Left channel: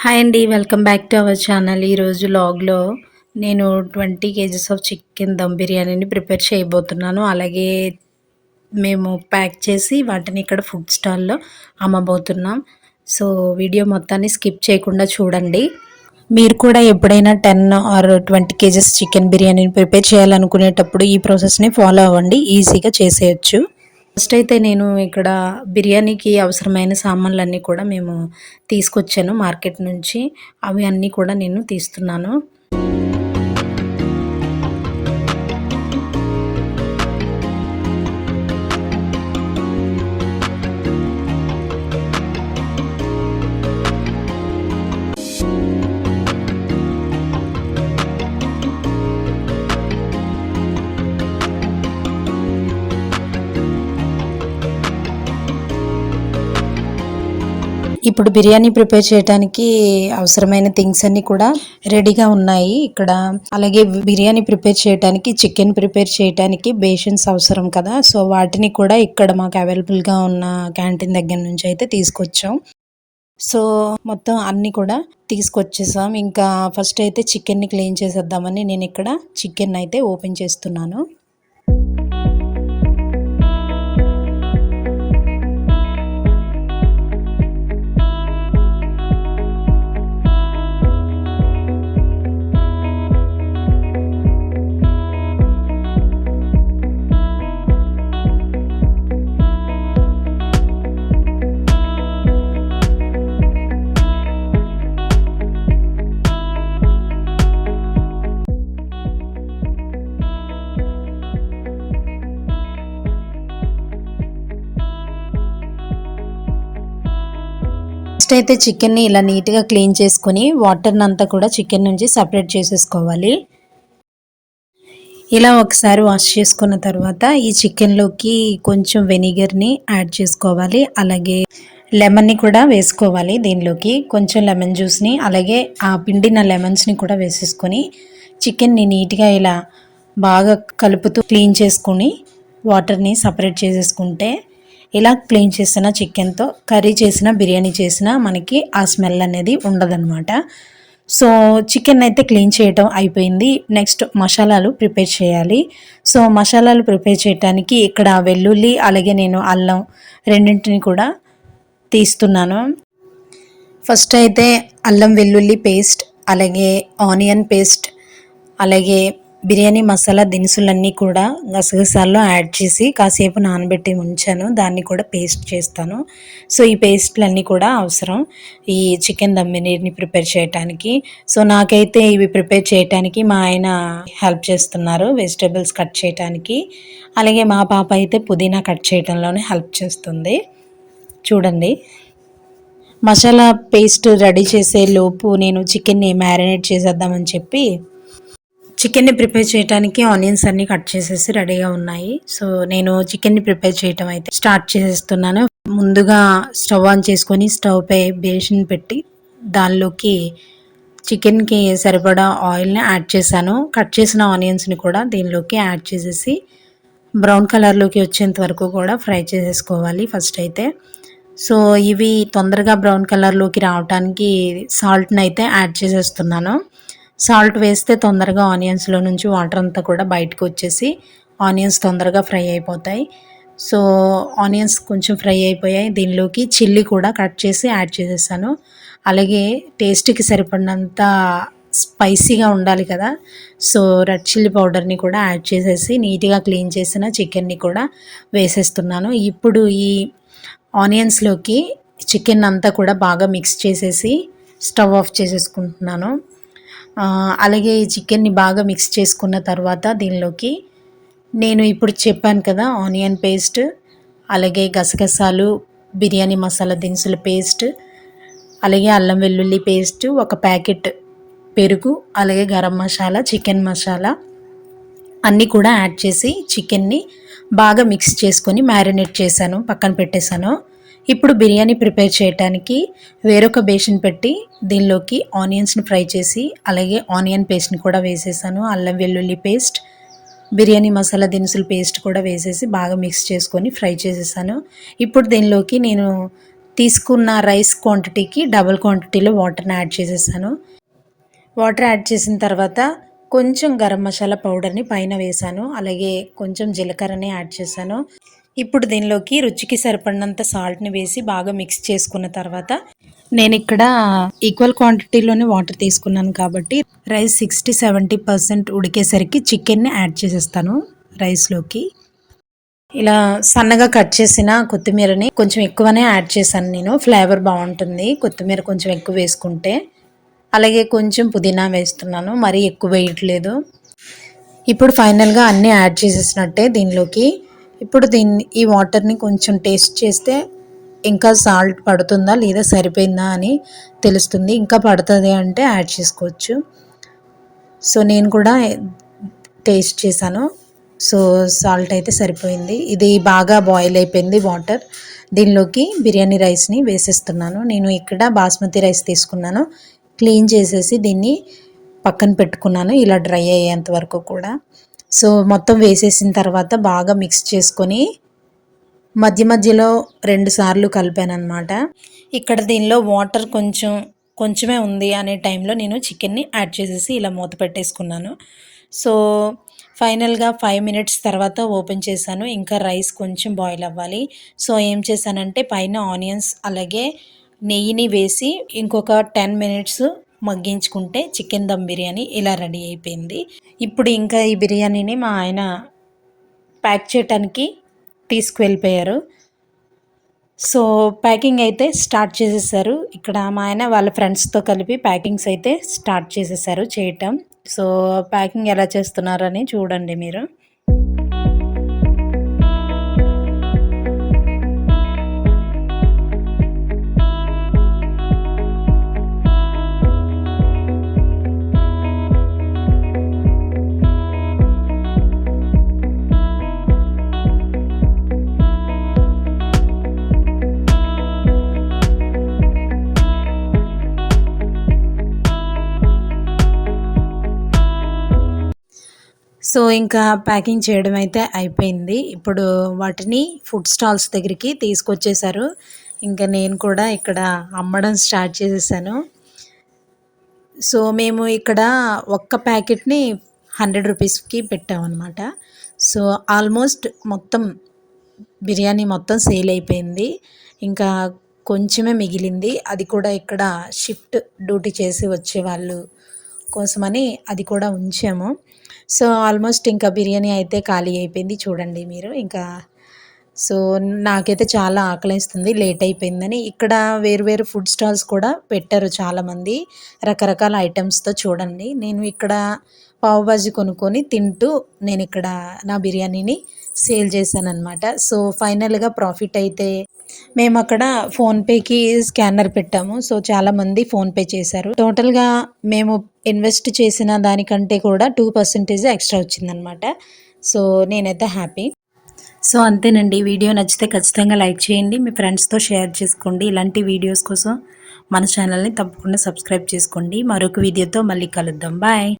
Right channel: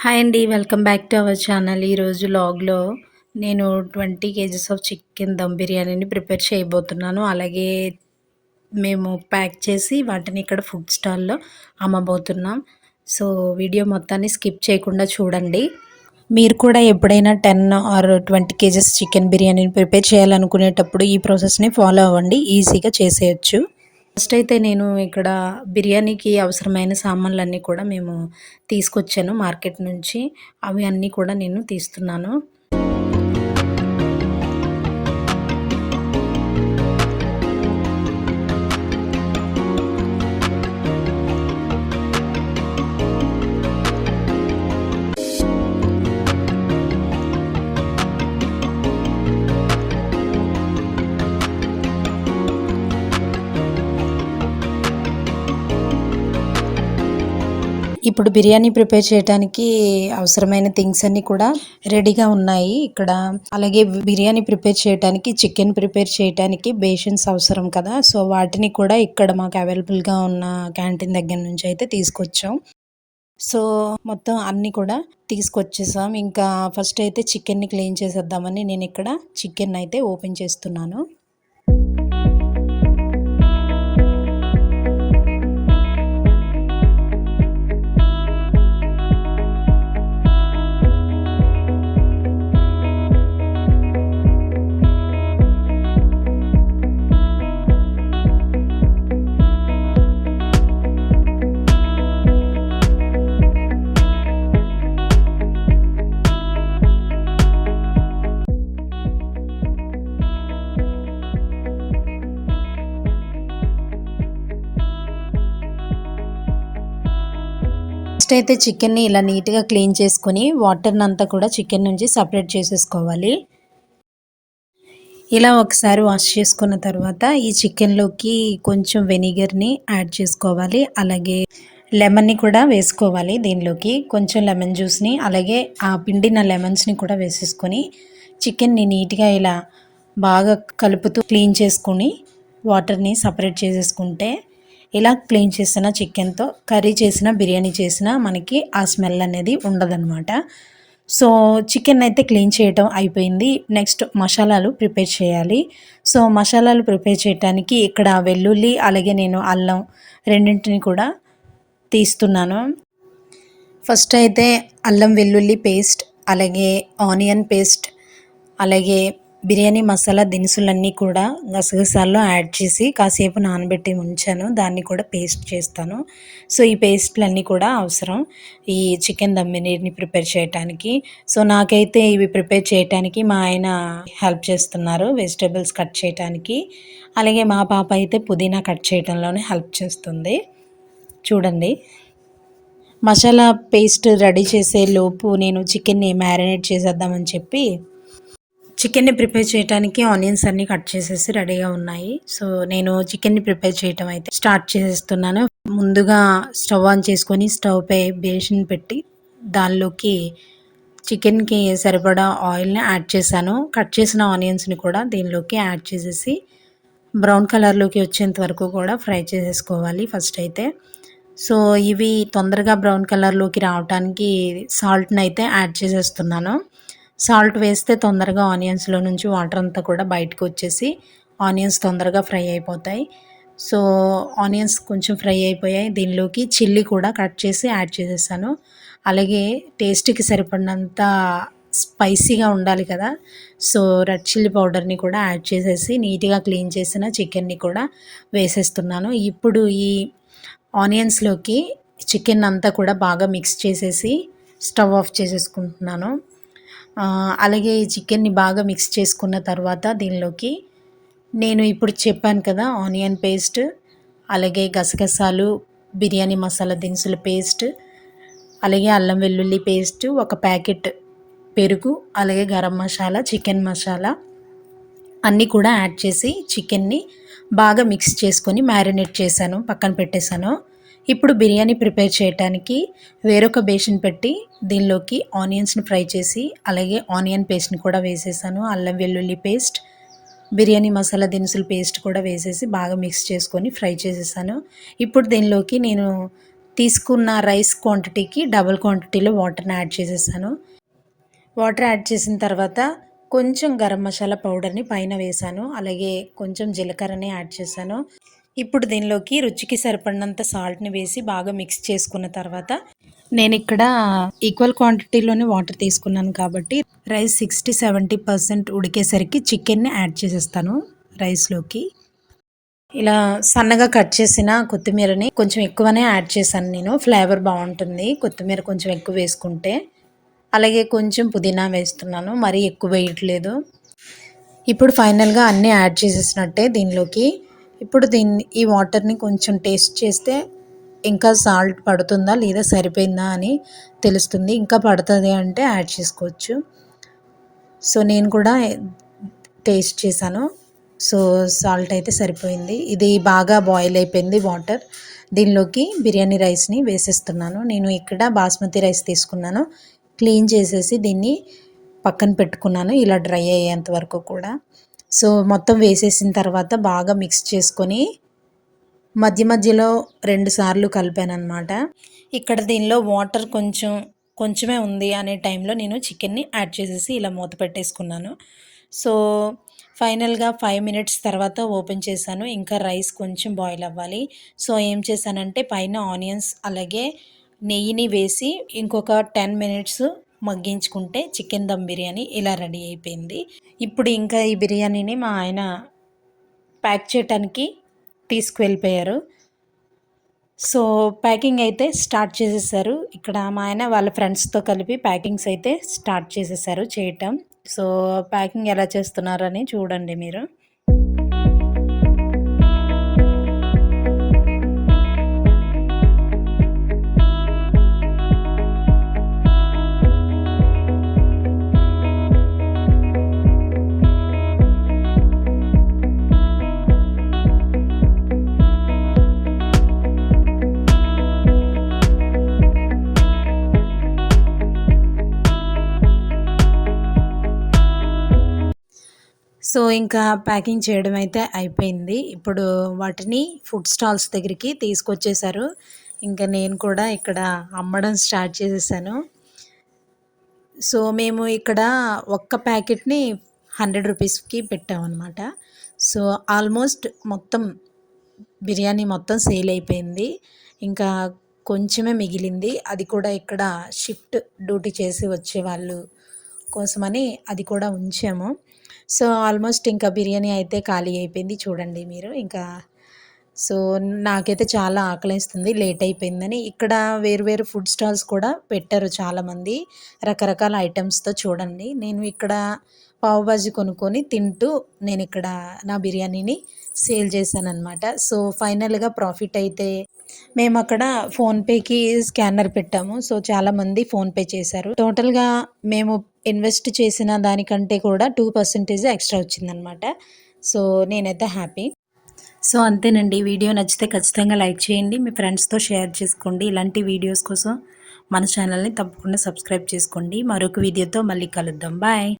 Hi అండి. Welcome back to our channel. ఈరోజు వ్లాగ్‌లో నేను 20 కేజీస్ ఆఫ్ చికెన్ దమ్ బిర్యానీని ప్రిపేర్ చేయబోతున్నాను. అలాగే మేము ప్యాక్ చేసి వాటిని ఇక్కడ ఫుడ్ స్టాల్‌లో అమ్మబోతున్నాం. సో, వీడియో మొత్తాన్ని స్కిప్ చేయకుండా చూడండి. మీరు కూడా ఎప్పుడైనా 10 ఆర్ 20 కేజీస్ చికెన్ బిర్యానీని ప్రిపేర్ చేయాలనుకునేటప్పుడు ఈ ప్రాసెస్‌ని ఫాలో అవ్వండి. ఈజీగా చేసేయొచ్చు. ఫస్ట్ అయితే నేను ఇక్కడ బిర్యానీకి అవసరమైన సామాన్లన్నీ కూడా మేము తీసుకొచ్చాను మార్కెట్ నుంచి. అవి అన్నీ కూడా నేను తీస్తున్నాను. ఇప్పుడు బిర్యానీ ప్రిపేర్ చేయడానికి అవసరమైన థింగ్స్ అన్నీ కూడా రెడీగా ఉన్నాయి ఇక్కడ. అలాగే బిర్యానీ ప్రిపేర్ చేయడానికి, చికెన్ ప్రిపేర్ చేయడానికి బేషన్స్ అవసరం కదా! సో, వాటిని కూడా ఇక్కడ మాకు అవైలబుల్‌గా ఉన్న క్యాంటీన్ దగ్గర నుంచి అయితే తీసుకొచ్చాం. సో, మొత్తం అన్నీ కూడా తీసుకొచ్చేసాం. ఇంకా ఫస్ట్ అయితే చికెన్‌ని క్లీన్ చేసేద్దామని నేనిక్కడ చికెన్ అయితే ఓపెన్ చేస్తున్నాను. ఫస్ట్ అయితే చికెన్ని ఇలా నీట్‌గా క్లీన్ చేసుకొని వాటర్‌నంతా కూడా చికెన్ నుంచి సెపరేట్ చేసేసుకోవాలి. ఇలా ఒకసారి వాష్ చేసుకున్న తర్వాత ఈ చికెన్‌లోకి కొంచెం వెనిగర్‌ని యాడ్ చేసుకోవాలి. అలాగే లెమన్‌ని కూడా వేసుకోవాలి దీనిలోకి. కొంచెం లెమన్ జ్యూస్‌ని అలాగే ఆ పిండిన లెమన్స్‌ని కూడా వేసేసుకొని చికెన్‌ని నీట్‌గా ఇలా బాగా కలుపుతూ క్లీన్ చేసుకొని వాటర్‌ని సెపరేట్ చేసేసుకుంటే ఇలా క్లీన్ చేసిన చికెన్‌తో కర్రీ చేసినా, బిర్యానీ చేసినా మనకి ఆ స్మెల్ అనేది ఉండదనమాట. సో, చికెన్ అయితే క్లీన్ చేయటం అయిపోయింది. నెక్స్ట్ మసాలాలు ప్రిపేర్ చేయాలి. సో, మసాలాలు ప్రిపేర్ చేయటానికి ఇక్కడ వెల్లుల్లి, అలాగే నేను అల్లం రెండింటిని కూడా తీస్తున్నాను. ఫస్ట్ అయితే అల్లం వెల్లుల్లి పేస్ట్, అలాగే ఆనియన్ పేస్ట్, అలాగే బిర్యానీ మసాలా దినుసులన్నీ కూడా గసగసాల్లో యాడ్ చేసి కాసేపు నానబెట్టి ఉంచాను. దాన్ని కూడా పేస్ట్ చేస్తాను. సో, ఈ పేస్ట్‌లన్నీ కూడా అవసరం ఈ చికెన్ దమ్ బిర్యానీ ప్రిపేర్ చేయటానికి. సో, నాకైతే ఇవి ప్రిపేర్ చేయటానికి మా ఆయన హెల్ప్ చేస్తున్నారు వెజిటబుల్స్ కట్ చేయటానికి. అలాగే మా పాప అయితే పుదీనా కట్ చేయడంలోనే హెల్ప్ చేస్తుంది. చూడండి. మసాలా పేస్ట్ రెడీ చేసే లోపు నేను చికెన్ని మ్యారినేట్ చేసేద్దామని చెప్పి చికెన్ని ప్రిపేర్ చేయడానికి ఆనియన్స్ అన్నీ కట్ చేసేసి రెడీగా ఉన్నాయి. సో, నేను చికెన్ని ప్రిపేర్ చేయటం అయితే స్టార్ట్ చేసేస్తున్నాను. ముందుగా స్టవ్ ఆన్ చేసుకొని స్టవ్ పై బేసిన్ పెట్టి దానిలోకి చికెన్‌కి సరిపడా ఆయిల్‌ని యాడ్ చేశాను. కట్ చేసిన ఆనియన్స్‌ని కూడా దీనిలోకి యాడ్ చేసేసి బ్రౌన్ కలర్‌లోకి వచ్చేంత వరకు కూడా ఫ్రై చేసేసుకోవాలి ఫస్ట్ అయితే. సో, ఇవి తొందరగా బ్రౌన్ కలర్‌లోకి రావటానికి సాల్ట్‌నయితే యాడ్ చేసేస్తున్నాను. సాల్ట్ వేస్తే తొందరగా ఆనియన్స్‌లో నుంచి వాటర్ అంతా కూడా బయటకు వచ్చేసి ఆనియన్స్ తొందరగా ఫ్రై అయిపోతాయి. సో, ఆనియన్స్ కొంచెం ఫ్రై అయిపోయాయి. దీనిలోకి చిల్లీ కూడా కట్ చేసి యాడ్ చేసేసాను. అలాగే టేస్ట్‌కి సరిపడినంత స్పైసీగా ఉండాలి కదా! సో, రెడ్ చిల్లీ పౌడర్‌ని కూడా యాడ్ చేసేసి నీట్‌గా క్లీన్ చేసిన చికెన్‌ని కూడా వేసేస్తున్నాను. ఇప్పుడు ఈ ఆనియన్స్‌లోకి చికెన్ అంతా కూడా బాగా మిక్స్ చేసేసి స్టవ్ ఆఫ్ చేసేసుకుంటున్నాను. అలాగే ఈ చికెన్ని బాగా మిక్స్ చేసుకున్న తర్వాత దీనిలోకి నేను ఇప్పుడు చెప్పాను కదా ఆనియన్ పేస్ట్, అలాగే గసగసాలు, బిర్యానీ మసాలా దినుసుల పేస్ట్, అలాగే అల్లం వెల్లుల్లి పేస్ట్, ఒక ప్యాకెట్ పెరుగు, అలాగే గరం మసాలా, చికెన్ మసాలా అన్నీ కూడా యాడ్ చేసి చికెన్ని బాగా మిక్స్ చేసుకొని మ్యారినేట్ చేశాను, పక్కన పెట్టేశాను. ఇప్పుడు బిర్యానీ ప్రిపేర్ చేయటానికి వేరొక బేసిన్ పెట్టి దీనిలోకి ఆనియన్స్‌ని ఫ్రై చేసి, అలాగే ఆనియన్ పేస్ట్‌ని కూడా వేసేసాను. అల్లం వెల్లుల్లి పేస్ట్, బిర్యానీ మసాలా దినుసుల పేస్ట్ కూడా వేసేసి బాగా మిక్స్ చేసుకొని ఫ్రై చేసేసాను. ఇప్పుడు దీనిలోకి నేను తీసుకున్న రైస్ క్వాంటిటీకి డబుల్ క్వాంటిటీలో వాటర్ని యాడ్ చేసేసాను. వాటర్ యాడ్ చేసిన తర్వాత కొంచెం గరం మసాలా పౌడర్ని పైన వేసాను. అలాగే కొంచెం జీలకర్రని యాడ్ చేశాను. ఇప్పుడు దీనిలోకి రుచికి సరిపడినంత సాల్ట్ని వేసి బాగా మిక్స్ చేసుకున్న తర్వాత నేను ఇక్కడ ఈక్వల్ క్వాంటిటీలోనే వాటర్ తీసుకున్నాను కాబట్టి రైస్ 60-70% ఉడికేసరికి చికెన్ని యాడ్ చేసేస్తాను రైస్లోకి. ఇలా సన్నగా కట్ చేసిన కొత్తిమీరని కొంచెం ఎక్కువనే యాడ్ చేశాను నేను. ఫ్లేవర్ బాగుంటుంది కొత్తిమీర కొంచెం ఎక్కువ వేసుకుంటే. అలాగే కొంచెం పుదీనా వేస్తున్నాను, మరీ ఎక్కువ వేయట్లేదు. ఇప్పుడు ఫైనల్గా అన్నీ యాడ్ చేసేసినట్టే దీనిలోకి. ఇప్పుడు ఈ వాటర్ని కొంచెం టేస్ట్ చేస్తే ఇంకా సాల్ట్ పడుతుందా లేదా సరిపోయిందా అని తెలుస్తుంది. ఇంకా పడుతుంది అంటే యాడ్ చేసుకోవచ్చు. సో నేను కూడా టేస్ట్ చేశాను. సో సాల్ట్ అయితే సరిపోయింది. ఇది బాగా బాయిల్ అయిపోయింది వాటర్. దీనిలోకి బిర్యానీ రైస్ని వేసేస్తున్నాను. నేను ఇక్కడ బాస్మతి రైస్ తీసుకున్నాను. క్లీన్ చేసేసి దీన్ని పక్కన పెట్టుకున్నాను ఇలా డ్రై అయ్యేంత వరకు కూడా. సో మొత్తం వేసేసిన తర్వాత బాగా మిక్స్ చేసుకొని మధ్య మధ్యలో 2 సార్లు కలిపాను అనమాట. ఇక్కడ దీనిలో వాటర్ కొంచెమే ఉంది అనే టైంలో నేను చికెన్ని యాడ్ చేసేసి ఇలా మూత పెట్టేసుకున్నాను. సో ఫైనల్గా 5 మినిట్స్ తర్వాత ఓపెన్ చేశాను. ఇంకా రైస్ కొంచెం బాయిల్ అవ్వాలి. సో ఏం చేశానంటే పైన ఆనియన్స్ అలాగే నెయ్యిని వేసి ఇంకొక 10 మినిట్స్ మగ్గించుకుంటే చికెన్ దమ్ బిర్యానీ ఇలా రెడీ అయిపోయింది. ఇప్పుడు ఇంకా ఈ బిర్యానీని మా ఆయన ప్యాక్ చేయడానికి తీసుకువెళ్ళిపోయారు. సో ప్యాకింగ్ అయితే స్టార్ట్ చేసేసారు. ఇక్కడ మా ఆయన వాళ్ళ ఫ్రెండ్స్తో కలిపి ప్యాకింగ్స్ అయితే స్టార్ట్ చేసేసారు చేయటం. సో ప్యాకింగ్ ఎలా చేస్తున్నారని చూడండి మీరు. సో ఇంకా ప్యాకింగ్ చేయడం అయితే అయిపోయింది. ఇప్పుడు వాటిని ఫుడ్ స్టాల్స్ దగ్గరికి తీసుకొచ్చేసారు. ఇంకా నేను కూడా ఇక్కడ అమ్మడం స్టార్ట్ చేసేసాను. సో మేము ఇక్కడ ఒక్క ప్యాకెట్ని 100 రూపీస్కి పెట్టామన్నమాట. సో ఆల్మోస్ట్ మొత్తం బిర్యానీ మొత్తం సేల్ అయిపోయింది. ఇంకా కొంచెమే మిగిలింది. అది కూడా ఇక్కడ షిఫ్ట్ డ్యూటీ చేసి వచ్చేవాళ్ళు కోసమని అది కూడా ఉంచాము. సో ఆల్మోస్ట్ ఇంకా బిర్యానీ అయితే ఖాళీ అయిపోయింది చూడండి మీరు. ఇంకా సో నాకైతే చాలా ఆకలేస్తుంది లేట్ అయిపోయిందని. ఇక్కడ వేరు వేరు ఫుడ్ స్టాల్స్ కూడా పెట్టారు చాలామంది రకరకాల ఐటమ్స్తో చూడండి. నేను ఇక్కడ పావు బాజీ కొనుక్కొని తింటూ నేను ఇక్కడ నా బిర్యానీని సేల్ చేశానన్నమాట. సో ఫైనల్గా ప్రాఫిట్ అయితే మేము అక్కడ ఫోన్పేకి స్కానర్ పెట్టాము. సో చాలామంది ఫోన్పే చేశారు. టోటల్గా మేము ఇన్వెస్ట్ చేసిన దానికంటే కూడా 2% ఎక్స్ట్రా వచ్చిందనమాట. సో నేనైతే హ్యాపీ. సో అంతేనండి. వీడియో నచ్చితే ఖచ్చితంగా లైక్ చేయండి, మీ ఫ్రెండ్స్తో షేర్ చేసుకోండి. ఇలాంటి వీడియోస్ కోసం మన ఛానల్ని తప్పకుండా సబ్స్క్రైబ్ చేసుకోండి. మరొక వీడియోతో మళ్ళీ కలుద్దాం. బాయ్.